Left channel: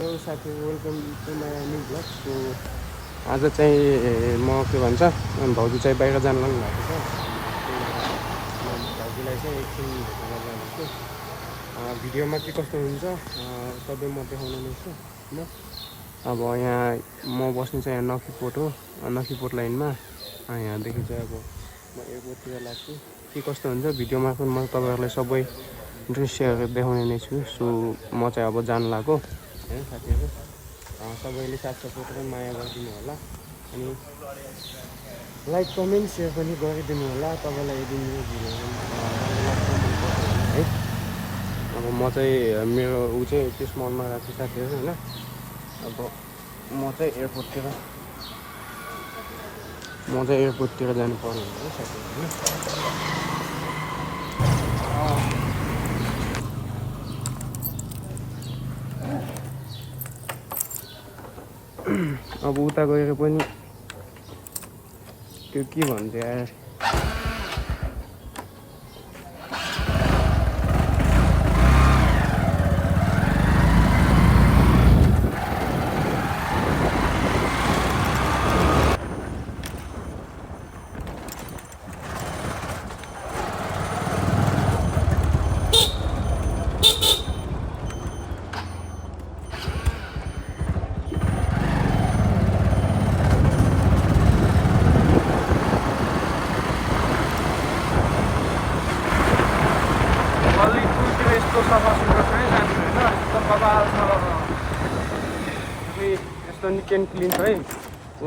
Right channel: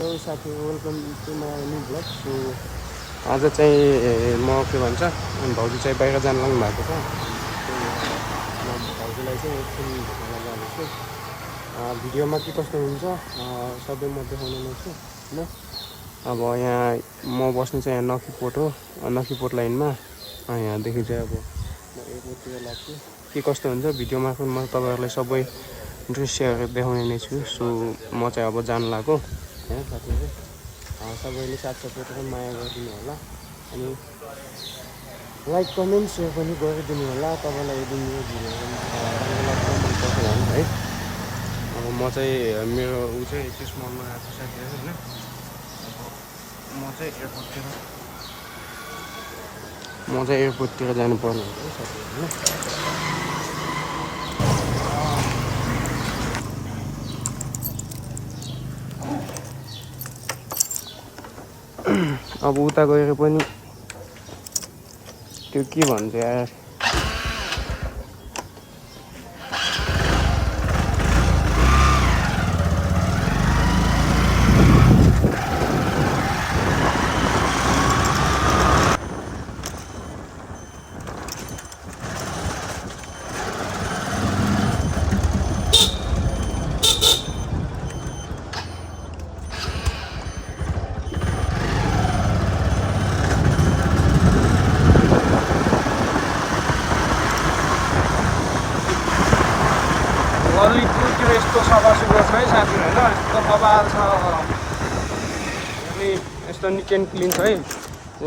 Hello साथीहरू, welcome to my new blog. So आज चाहिँ म के भन्छ भाउजू चाहिँ बाहिर जानु लाग्नु भएको छ। त्यही भएर म भाउजूलाई चाहिँ एकछिन भेट्न जानेछु। भिडियोमा के कस्तो हुन्छ सबै म देखाउने नै छु होइन। अब यहाँ म बस्ने चाहिँ यहाँ नखीपोर्ट हो, नखीपोर्ट लाइनमा। यहाँदेखि चाहिँ अब म एयरपोर्टतिर लाग्छु। के कस्तो हुन्छ भिडियोमा म तपाईँहरूलाई सबै दृश्यहरू देखाउने नै छु। सो म चाहिँ अब जानु लाग्यो होइन साथीहरू। सबैले साथ सपोर्ट र माया गरिदिनु होला, अनि लाइक कमेन्ट सेयर पनि गरिदिनु होला। तपाईँलाई यदि मेरो भिडियो राम्रो लाग्छ मन पर्छ भने है। अब म चाहिँ मेरो चाहिँ यति मलमा गएको छु साथीहरू होइन। अब म चाहिँ एयरपोर्टतिर जानु पर्ने हुन्छ है साथीहरू होइन। अब उता गएर पनि त्यो के भन्छ यार, ललितपुरतिर यस्तो सफा सुग्घर छ है साथीहरू होइन। यस्तो बबाल छ, हेर्ने यस्तो निट एन्ड क्लिन छ है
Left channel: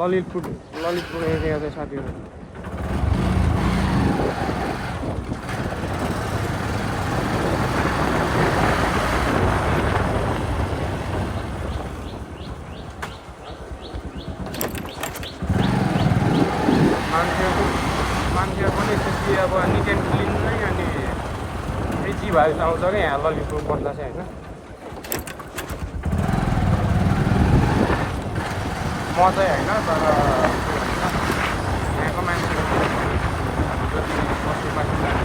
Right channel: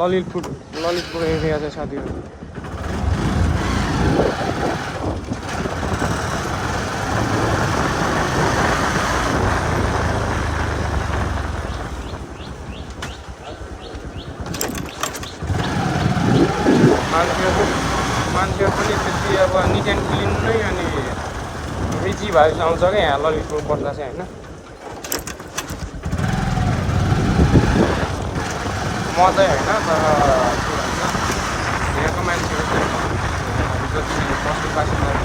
ललितपुर एरिया चाहिँ साथीहरू। मान्छेहरू पनि त्यति अब निट एन्ड क्लिन नै अनि रिची भाइस आउँछ क्या यहाँ ललितपुर बस्दा चाहिँ होइन। म चाहिँ होइन, तर के भन्छ यहाँको मान्छेहरू चाहिँ जति बस्ने बासिन्दाहरू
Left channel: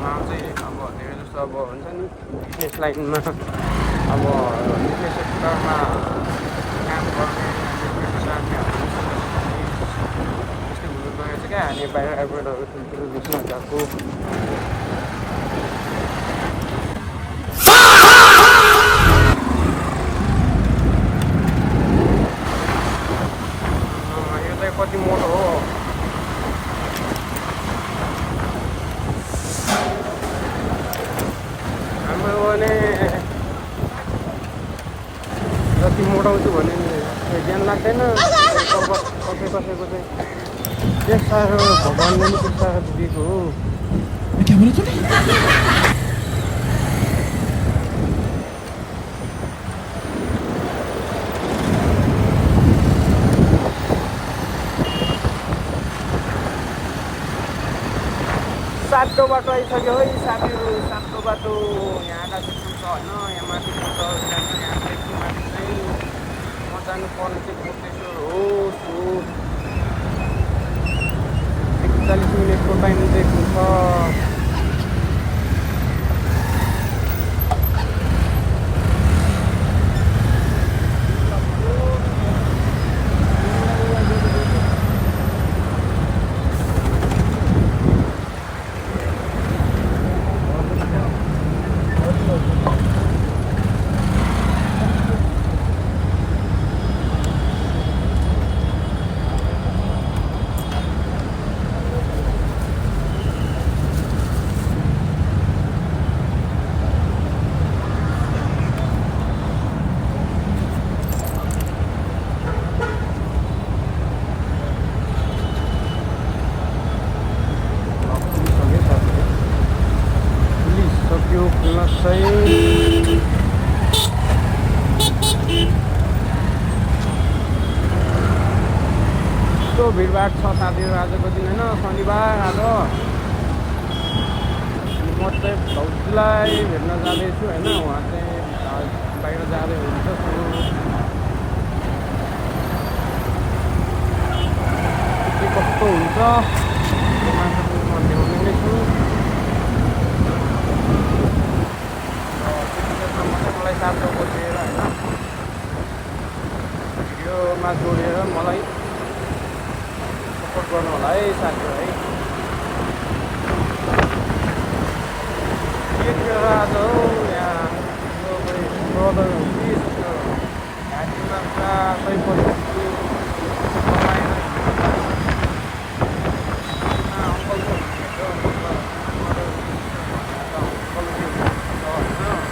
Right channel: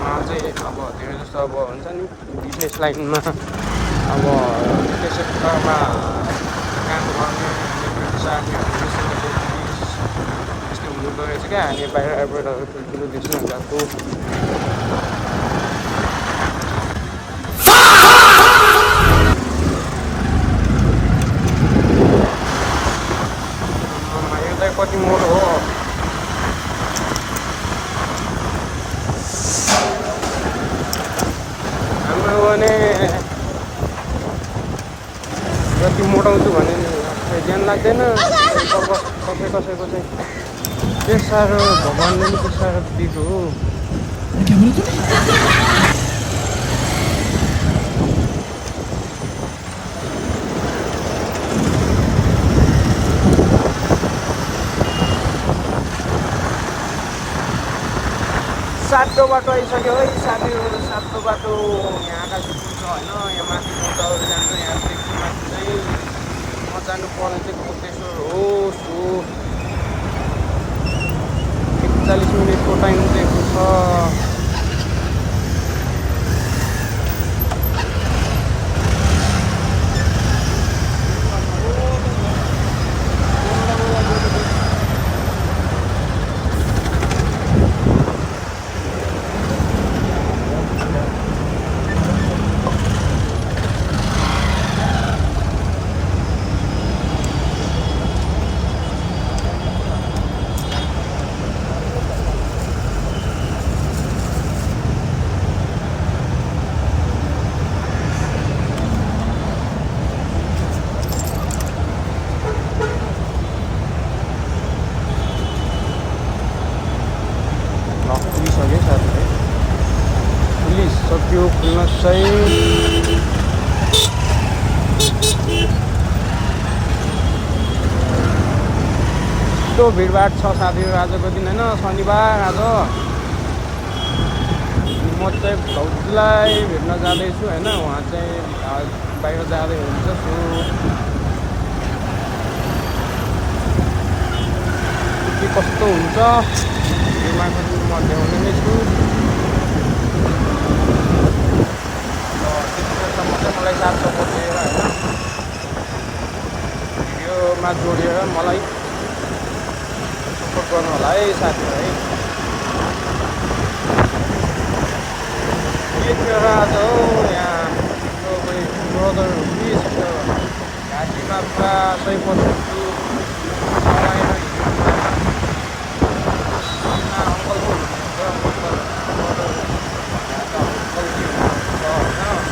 उहाँ चाहिँ अब धेरै जस्तो अब हुन्छ नि बिजनेस लाइनमा, अब बिजनेस सेक्टरमा काम गर्ने अनि ब्रिटिस आर्मीहरू यस्तै हुँदो रहेछ क्या। अनि बाहिर एयरपोर्टहरू ठुल्ठुलो देशमा गएको कति मोटो हो। हाम्रो भने जति मोटाउँछु भने नि ध्यान लाग्दैन कसैको चाहिँ त्यस साह्रो भगवान्ले नि त्यस साह्रो दिएको हो। सातो बाटो आइसक्यो है साथीहरू, सातो बाटो। यहाँ आकाशी पुल छ होइन, यहाँ माथि बोटहरू जान्छ। यहाँदेखि माथि चाहिँ म जानुपर्ने चाहिँ कोटेश्वर हो। सो 41 मिनटको टाइम दिएको छ। सक्यो खुल्न चाहिँ। यस्तो भिडभाड छ साथीहरू आजको दिन होइन, शनिबार आज। अनि म चाहिँ भाउजूलाई भेट्न जाँदैछु होइन। उहाँ चाहिँ बाहिर जाँदै हुन्छ। सो के कस्तो हुन्छ यो मार्फत म देखाउने नै छु। त्यतिखेरसम्म चाहिँ मलाई साथ सपोर्ट दिएर होइन भिडियोमा जोडेर मलाई सपोर्ट गर्नु होला है साथीहरू है। के थियो र आज हो यहाँ कोही ब्रदर हो कि सिस्टर घाँटीमा पुरा 100% समाएर हिँड्नु अङ्कल पो हुनुहुनेछ ब्रदर भनेर त अङ्कल जी हुनुहुन्छ होइन।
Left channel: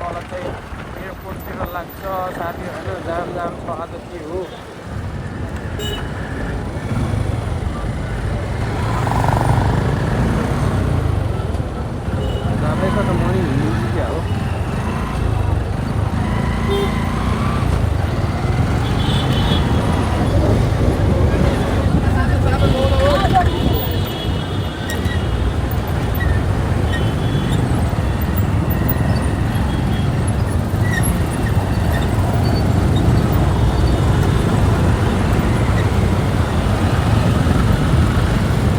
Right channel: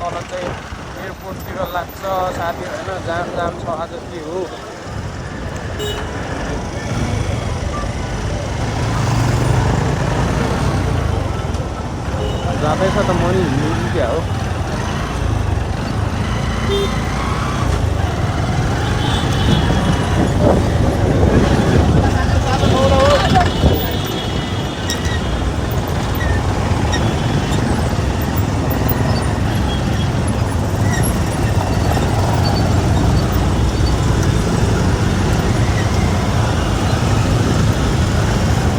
तल चाहिँ एयरपोर्टतिर लाग्छ साथीहरू होइन। जाम छ आज के हो जाँदैछ त म नि हिँड्नु क्या हो।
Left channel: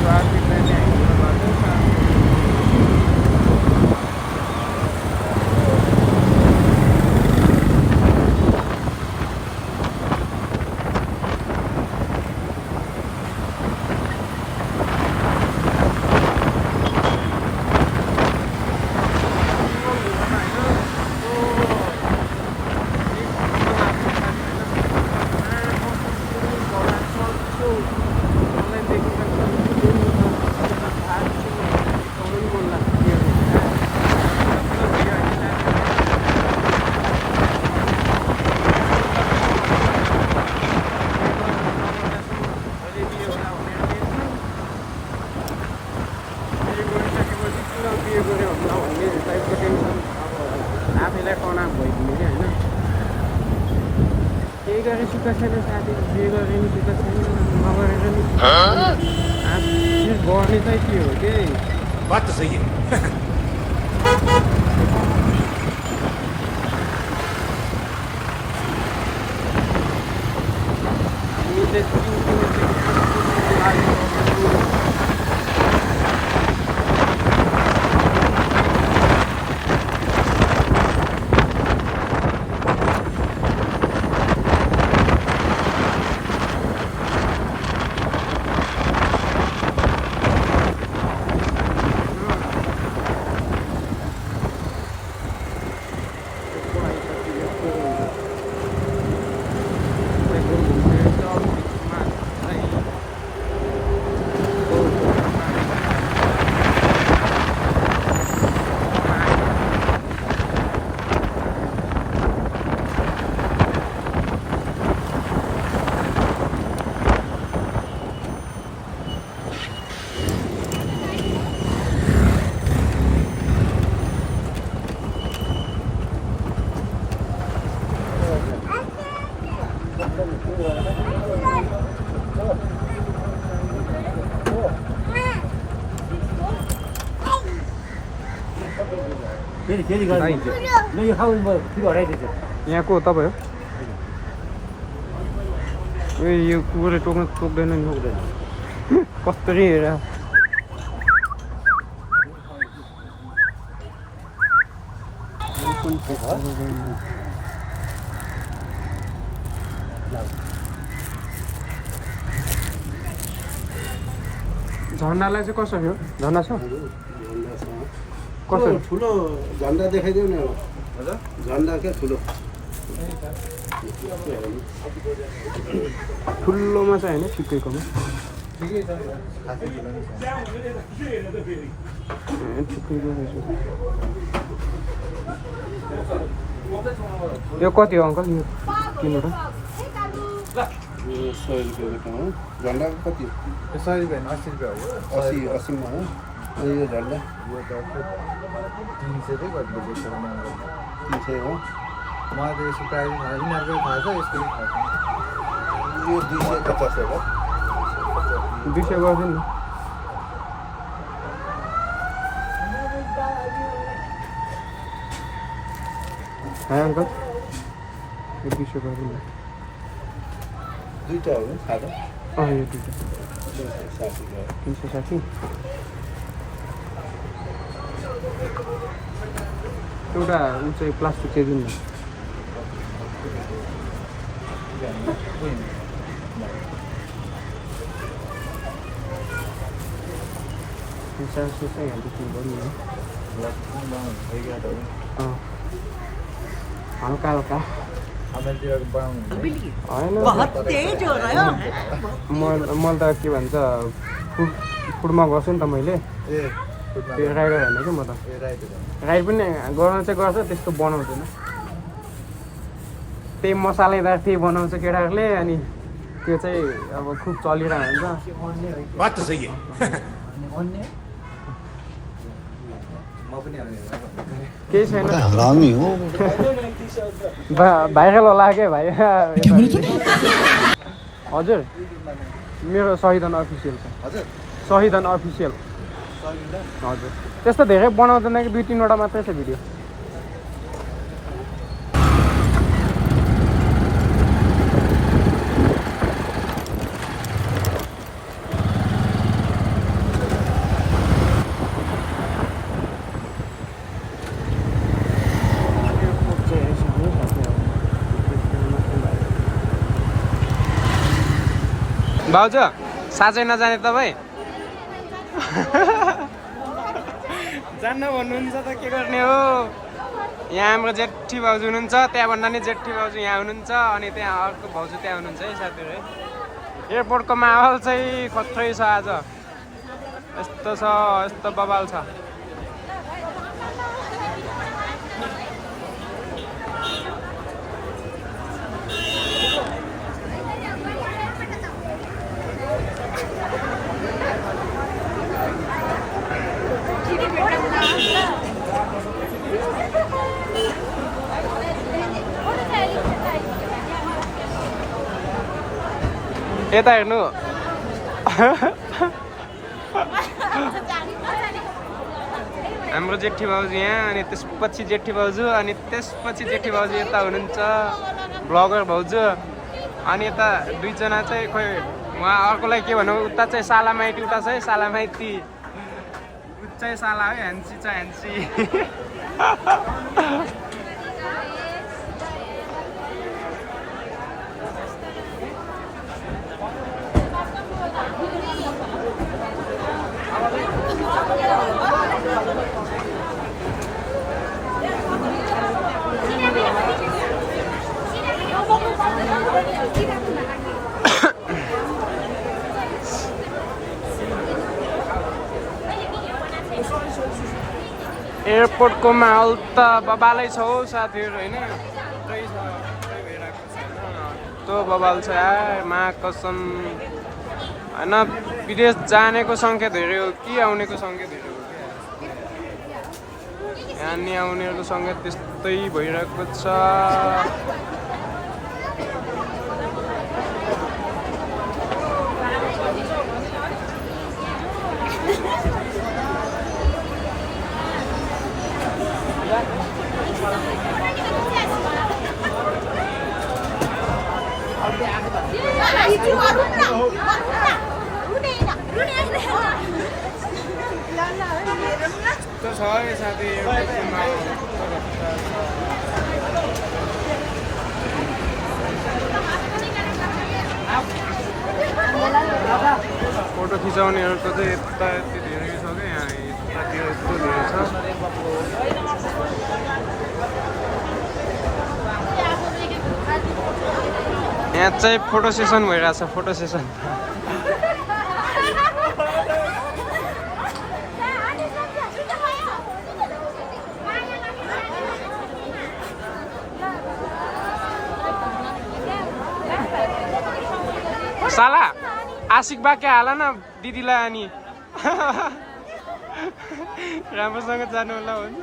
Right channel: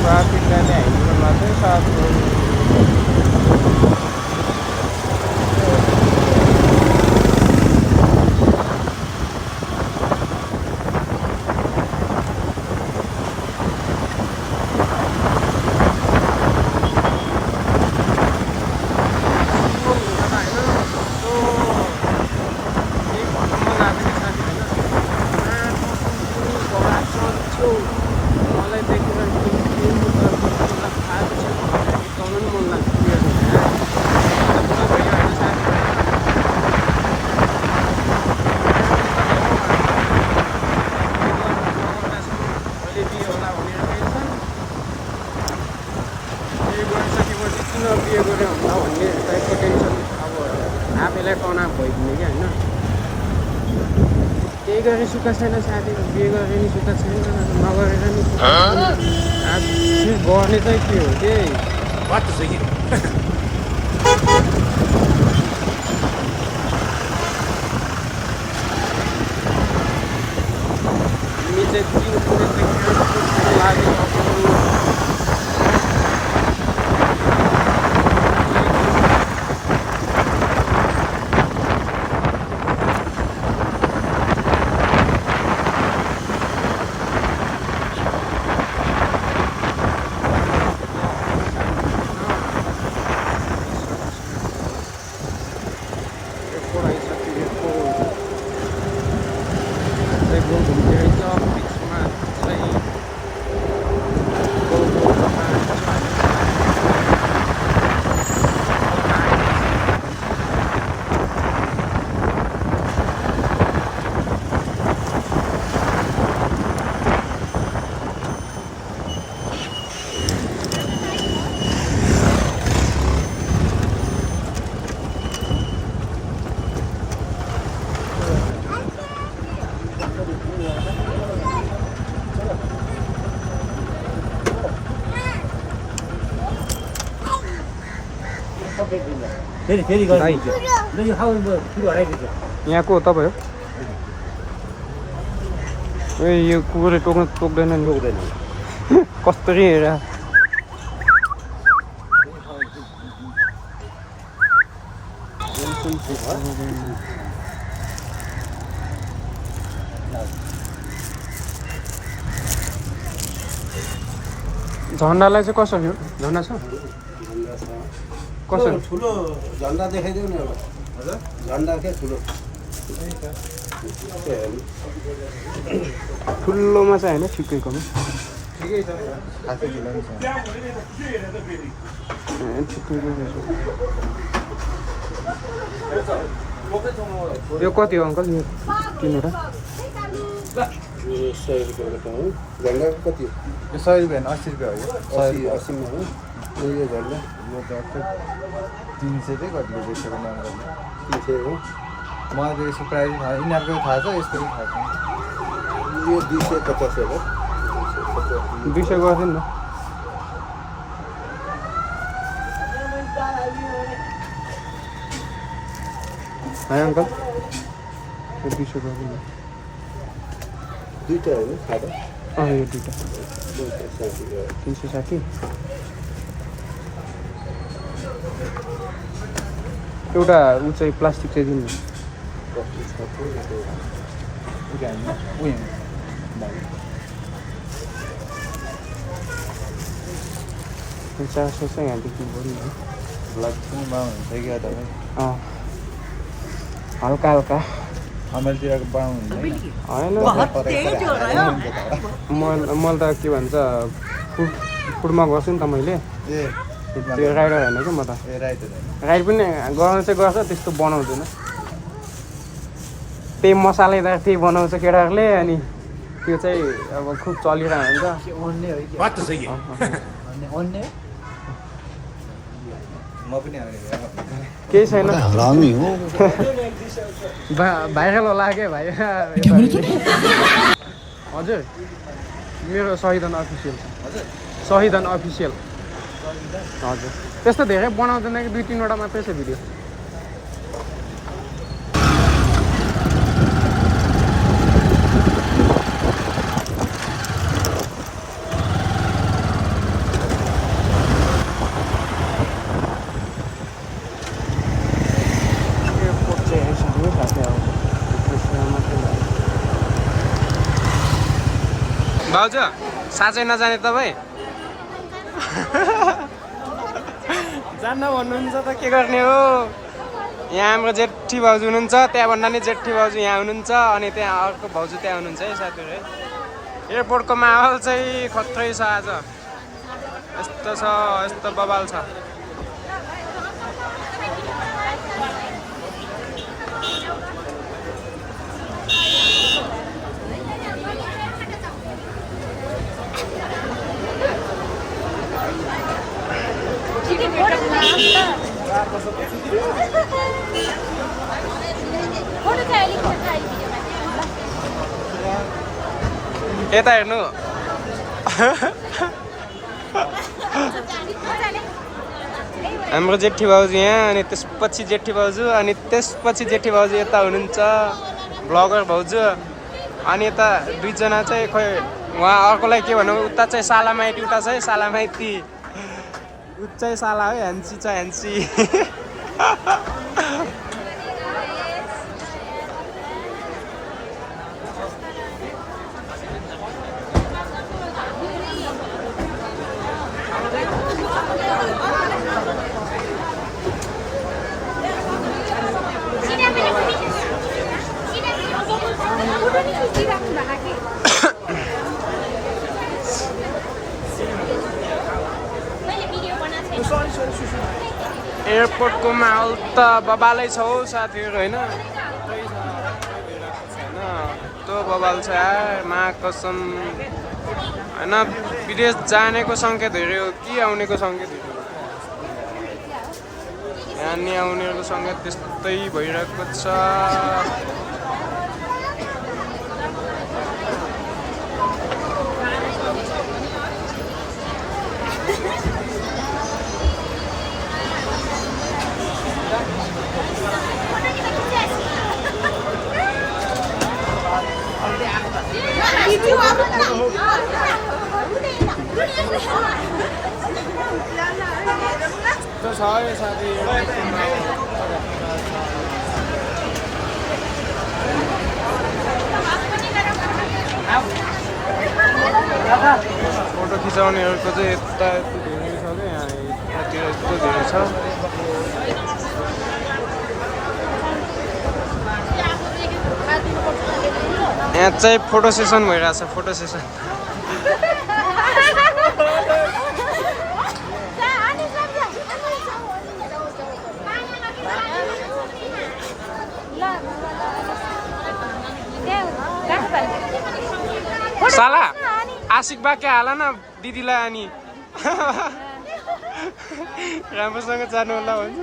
ट्राफिकलाई नै हिँड्नु मात्रै साथीहरू मलाई देखेर गीत गाउनु नि मन लाग्छ क्लियर हुन्छ पुरा भयो होइन साथीहरू अहिले बिहे होला भनेर टेन्सन बिहे गरिसकेपछि किन बिहे गरेँ होला भन्ने टाइपको टेन्सन अब आफैलाई तनाव भइदिने क्या होइन। केही गरे सुख छैन साथीहरू बिहे गरेर नि सुख छैन नगरेर नि सुख छैन। आज गर्ने चाहिँ के हो त्यही बात त सही है। हामी चाहिँ 3 पुगेदेखि एयरपोर्टतिर लागिसक्यौँ। गोल घुम्ने रहेछ बिचमा चाहिँ फेरि गरिदिन्छु ल यो खाऊ म फेरि हराइदिन्छु। यहाँ को तपाईँ हो? ए यो कुकुरले टोक्दैन नि कस्तरी हेर झन्डालाई चाहिँ कसरी हो? झन्डा छ कसरी? ठुलो झन्डा देखाइदिउ न। झन्डा के ठुलो ठुलोमा चाहिँ होइन ठिकैकोमा ठिकैको रहेछ यो कति हो अङ्कल यो 3वटा 100 रुपियाँको हो झन्डाको कति हो 100 रुपियाँ 80 रुपियाँ हो 80 मा हो अनि यो झन्डा यो त 300 चाहिँ कति बेचेको नाम 300 हो मलाई त यसको प्राइस थाहा यिनीहरूको थाहा छ यस्तो थाहा छ यो 250 होला 200 गर्थ्यो नि है अङ्कल यो 200 गर्थ्यो नि दुईटा हो सादा यो दुईटा 360 एउटा ऊ चाहिँ प्लास्टिक चाहिँ दिनु न चासो चाहिँ यहाँदेखि गर्नु न हल्का हल्का अमेरिकाको बनाउनु होइन मैले त के भन्छ फुडमा गर्छु नि त मैले त्यो राइडर होइन कि म त राइड पनि गर्न चाहिँ गर्छ त्यस्तो बनाउँदैन त्यही मसालेदार त्यही बनाउँछ केटाहरूले अनि त्यो चाहिँ अब खुब चलिरहेको हुन्छ केही छैन भाइरल होला के भाइ हजुर मेरो सहिदन अफिसियल छ सहिदन अफिसियल हजुर त्यस्तो धेरै बनाउँदैन कि 2-3वटा मात्रै छ भिडियो भाउजू साँच्चै नजाने तपाईँ जान्न भन्नुहुन्छ त के गर्ने हो यहाँ हाम्रो जेठी भाउजू हुनुहुन्छ त्यहाँभन्दा नि जेठी भाउजू यहाँ हुनुहुन्छ अनि त्यहाँ अर्को भाउजू त्यहाँ हुनुहुन्छ है साथीहरू है एयरपोर्टको माहौल चाहिँ खत्रै छ आज यस्तो छ यस्तो बवाल छ यता हेर्नु हाम्रो जेठी भाउजू यहाँ अनि त्यसपछि जेठी भाउजू अनि त्यसपछि जेठी भाउजू यता हुनुहुन्छ ब्लगर भाउजू अनि यता दुईजना चाहिँ खोइ उहाँ अर्कोलाई के भनौँ उता चाहिँ सालामाइटी उता चाहिँ सालामाइती उ चाहिँ साला है ह्यान्सी छ ह्यान्सी एयरपोर्टको माहौल त बबालै छ हौ साथीहरू होइन त्यही छ त्यही भइरहेको छ होइन त्यो बबाल छ यार मा कसम होइन विदेश जानेको सङ्ख्या धेरै हो कि आउनेको सङ्ख्या धेरै हो क्या यहाँ नि आउनेहरूको सङ्ख्या त्यस्तै भइरहेको छ छ है साथी फोटो खिचाउनेहरूको चाहिँ यता यति धेरै छ क्या यहाँ यतातिर यस्तो धेरै छ यहाँ चाहिँ फोटो सेसन भइरहेछ फोटो सेसन साला आशिक बाके हाल न दिदीलाई अनि राम्रोसँग जानु होला भन्छ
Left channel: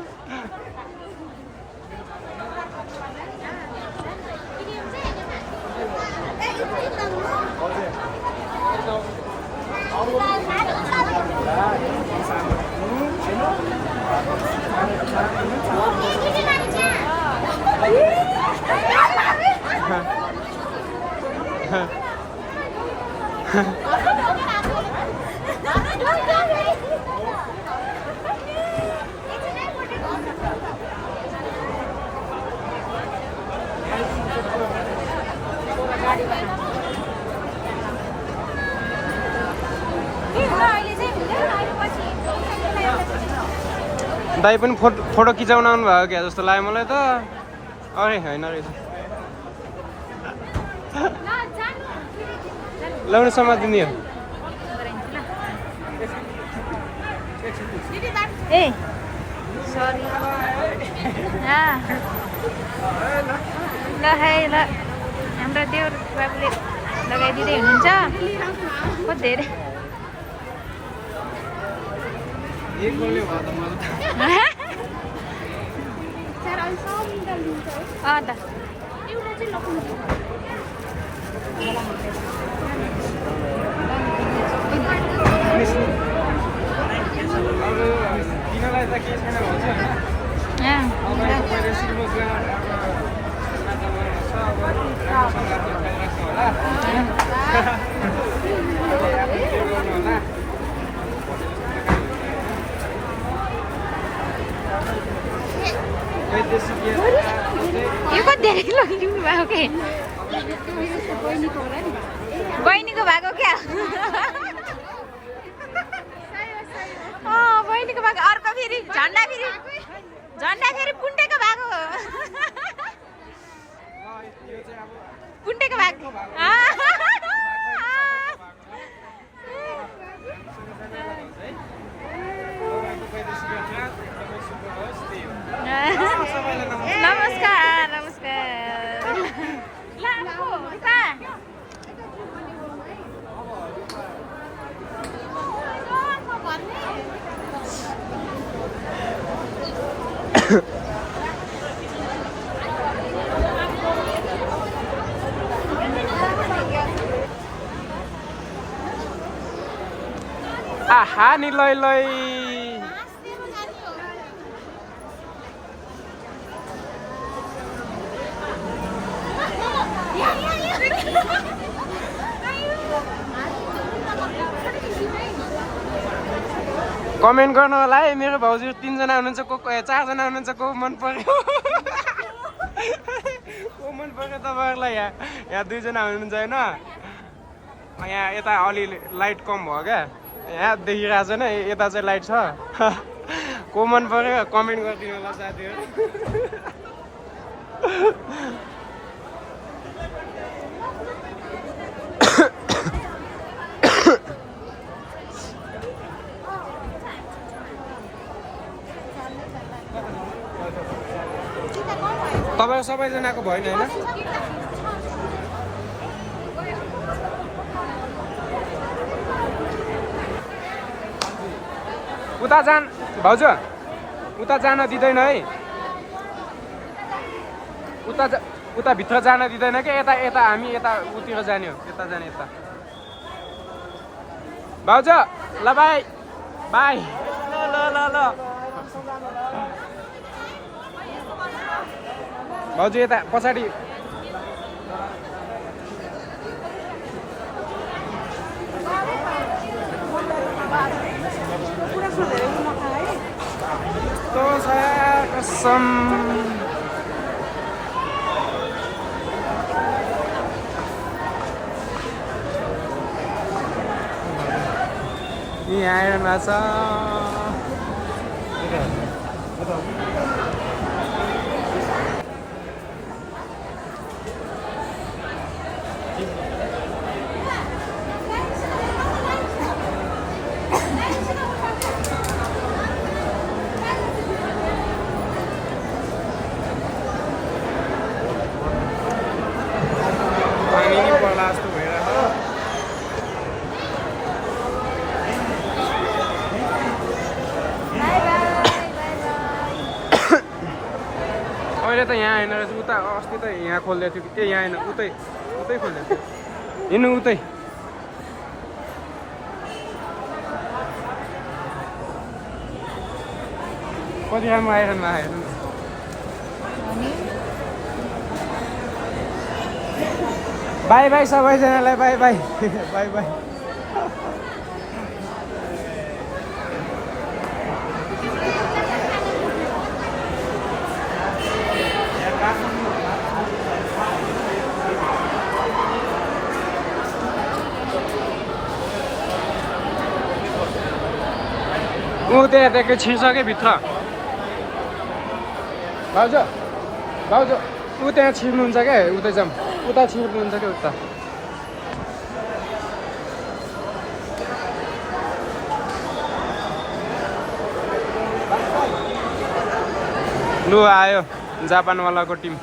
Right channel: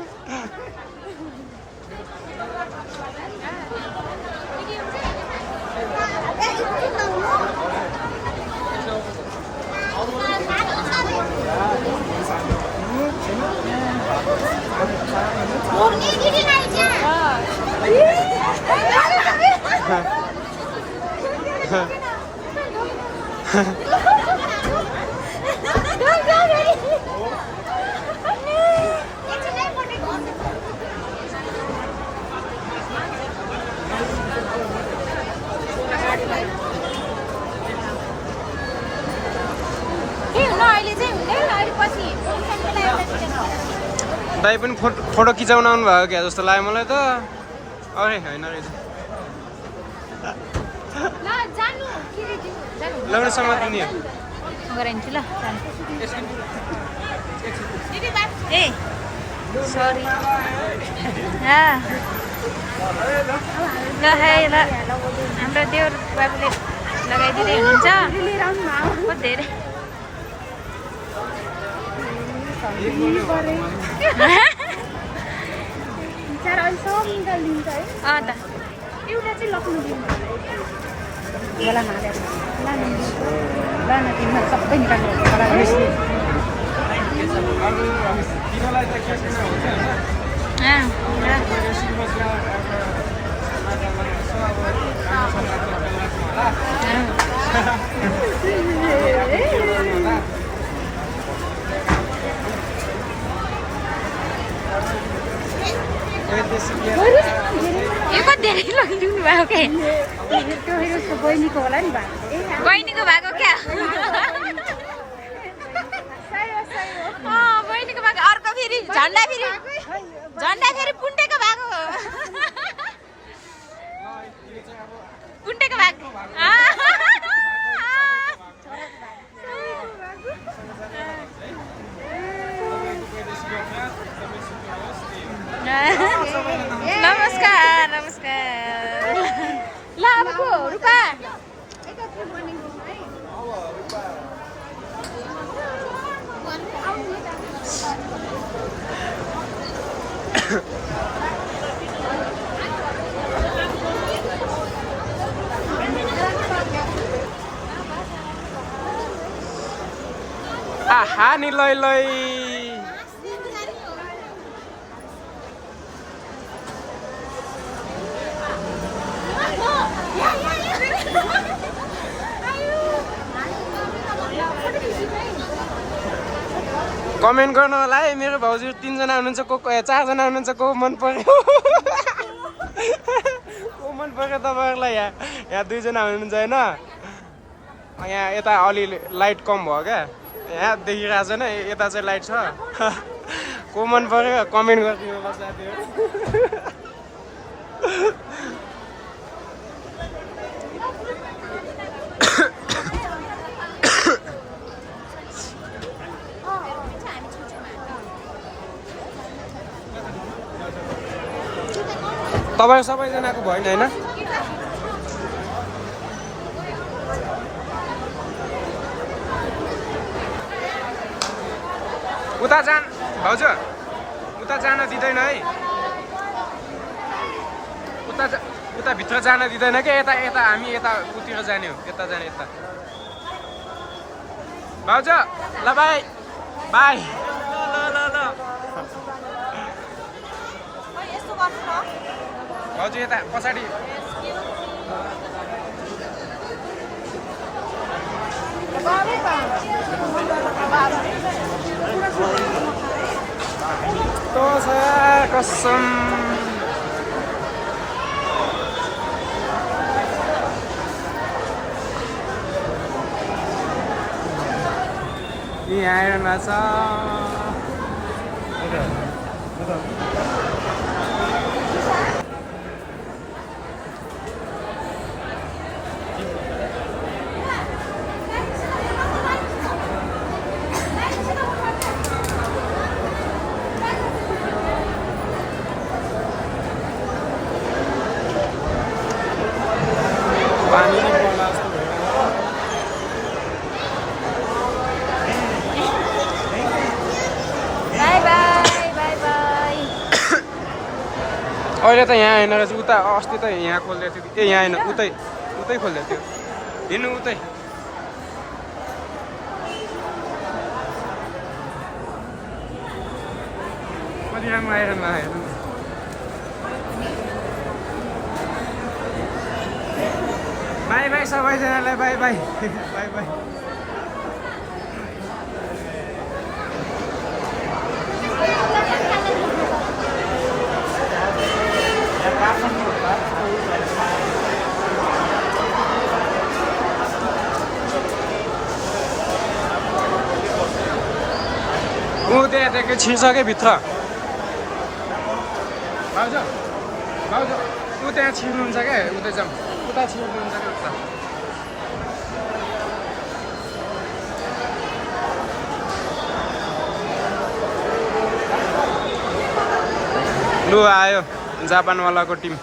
दाइ पनि फोटो खिचाउन आउनु भएको क्या जस्तो लाग्यो मलाई त अरे होइन रहेछ लाउनु समातिनी ए सरी ल है ल हाम्रो देउर बाबुले लगाइदिँदै हुनुहुन्छ बहुत धेरै किनलाई त के छैन भन्छ यो कति धेरै लगिदिनु भयो के बहिनीको भएको क्या बहिनीको भएको अर्को फेरि झन्डा फेरि पुन्टेको भएको पुन्टेको भएको नमस्कार नमस्कार ल अब को रुपा आहा नि लै लै कमेन्ट गर्नु होला है मेरो भाउजू 3 जना हुनुहुन्छ को 4 जना हुनुहुन्छ को मन पर्यो को मन पर्यो तपाईहरुलाई यहाँ 2 जना हुनुहुन्छ हैन यहाँ यता अलि लाइट कम भयो क्या यहाँ देखिरहेको छैन यता चाहिँ लाइट छ को मन पर्यो कमेन्ट गरिदिनु होला साथीहरु तपाईं सबैजनाको भयो नि हैन उता जान भाउजू उता जान दिदैन है उता भित्र जान दिदैन के यता हामी यता उतिर जाने हो यता जाने यता भाउजू ल बाई बाई भाउजू यता पछाडि तो saya कसम ini air masa होला जस्तो भइरहेको अहिले त यहाँ होइन रहेछ उता अस्ति त यहाँ खोलिदिएको थियो कि यहाँ होइन उतै खोलिदिएको थियो हेर्नु उतै कति राम्रो आइरहनु भएको हेर्नु बाई बाई सबैजनालाई बाई बाई बाई बाई ऊ त्यहाँ छिर्सके भित्र भाउजू ऊ त्यहाँ छिर्नुहुन्छ क्या उता जाउँ उता छिर्नुहुन्छ क्या उता लु आयो जापानवालाको टिम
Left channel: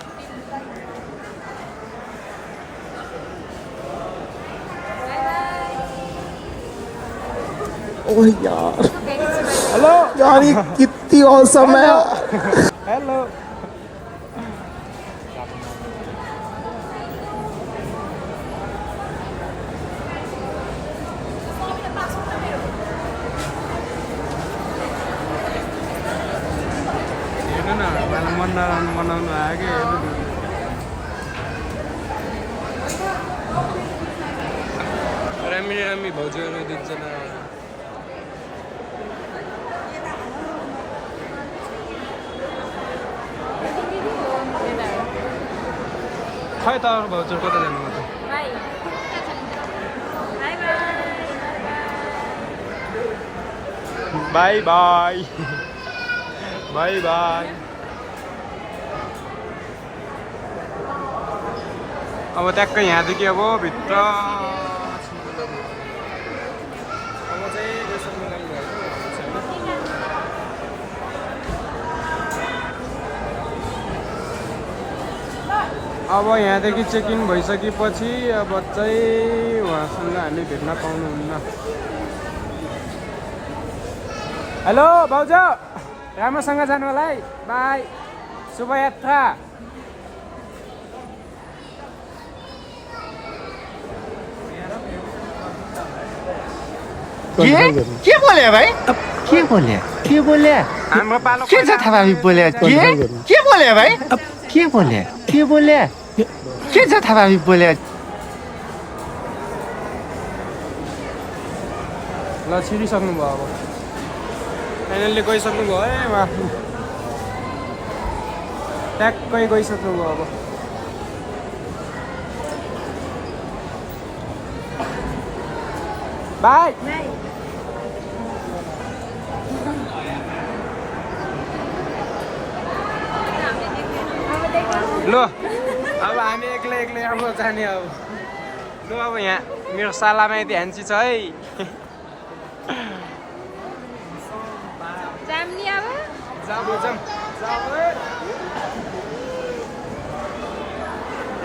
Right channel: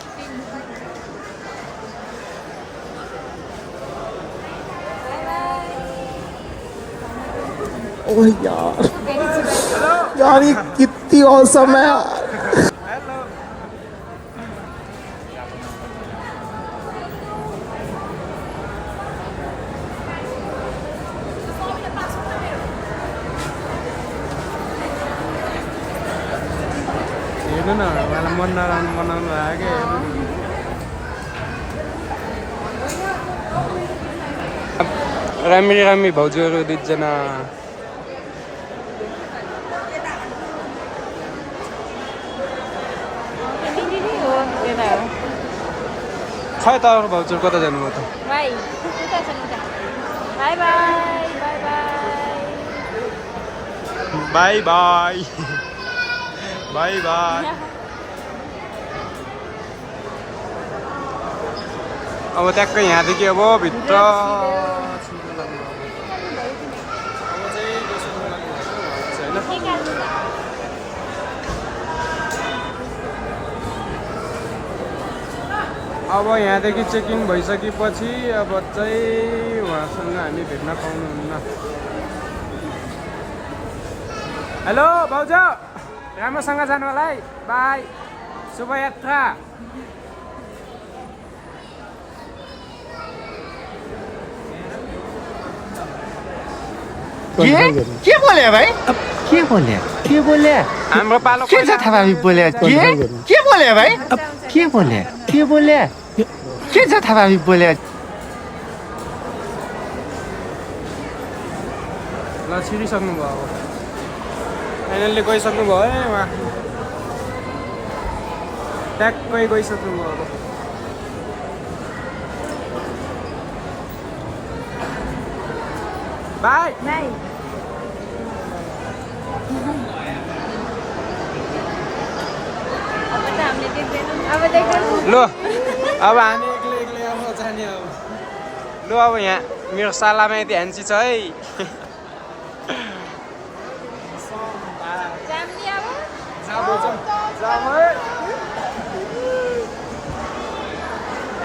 ओह यार हेलो यार ये कितनी औसम है यार हेलो हेर्नु न मलाई मन नराम्रो बनाउनु लाग्यो राम्री भाउजूहरू दुईजना खै त भाउजू कता जानुभयो त बाई बाई बाई बाई अब ट्याक्कै यहाँदेखि अब भित्र छिर्नु लाग्नु अब चाहिँ गइसक्नु लाग्नु भएको छैन अब यहाँदेखि चेक इन भइसकेपछि अब चाहिँ उहाँसँग हामी भेट्न पाउनुहुन्न हेलो भाउजू राम्रोसँग जानु होला है बाई शुभयात्रा के बोले भाइ के बोले हाम्रो पालो के छ थाहा बोले के बोले भाइ के बोले के छ थाहा बोले ल छिरिसक्नु भयो अब फाइनल्ली गइसक्नु भयो है उहाँ ट्याक्कै गइसक्नु भयो अब बाई लु अब हामी एक्लै अब जाने अब लु अब यहाँ मेरो सालामा यति ह्यान्सी छ है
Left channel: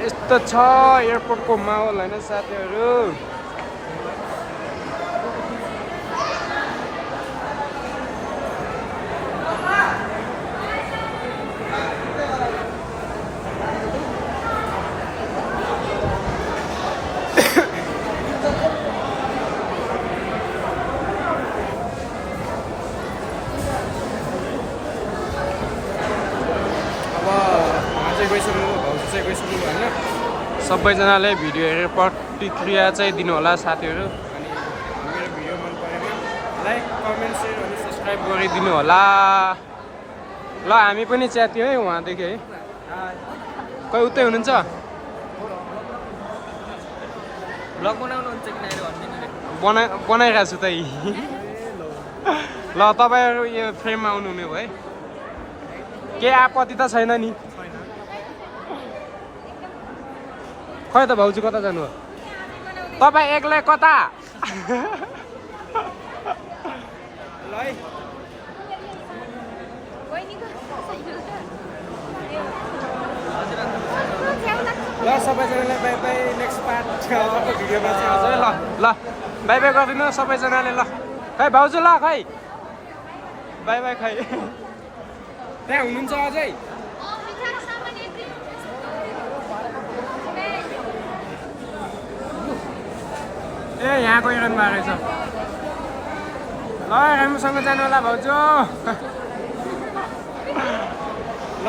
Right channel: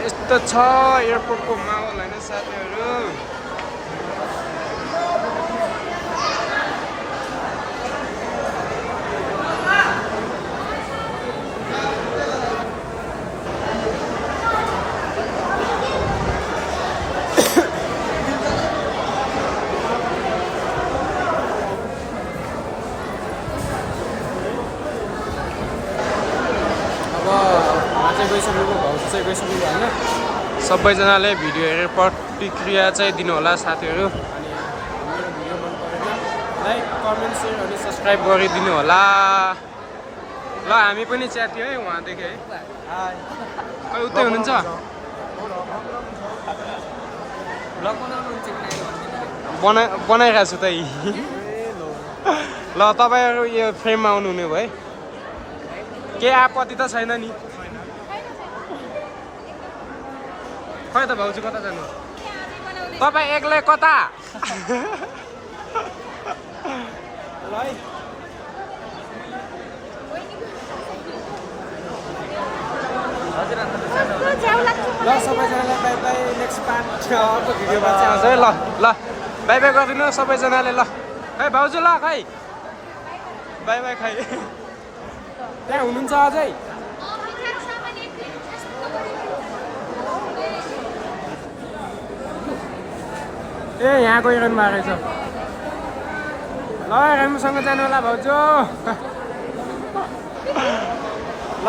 यस्तो छ एयरपोर्टको माहौल होइन साथीहरू गइसक्नुभयो भाउजू चाहिँ गइसक्नुभयो होइन सबैजनाले भिडियो हेरेर प्रतिक्रिया चाहिँ दिनु होला साथीहरू अनि मेरो भिडियो मन परेन लाइक कमेन्ट सेयर अनि सब्सक्राइब गरिदिनु होला ल हामी पनि च्याथ्यौँ है उहाँदेखि है खै उतै हुनुहुन्छ बनाइरहेको छु त ल तपाईँहरू यो फ्रेममा आउनुहुने भयो है केही आपत्ति त छैन नि खै त भाउजू कता जानु तपाईँ एक्लै कता ल है ल सबैजनालाई बाई बाई नेक्स्ट पार्ट अर्को भिडियोमा चाहिँ आउँछ है ल ल बाई बाई गरिदिनु सबैजनाले ल खै भाउजू ल खै बाई बाई खै त्यहाँ हुनुहुन्छ अझै ए यहाँ गइरहनु भएको रहेछ ल राम्रोसँग जानु होला भाउजू ल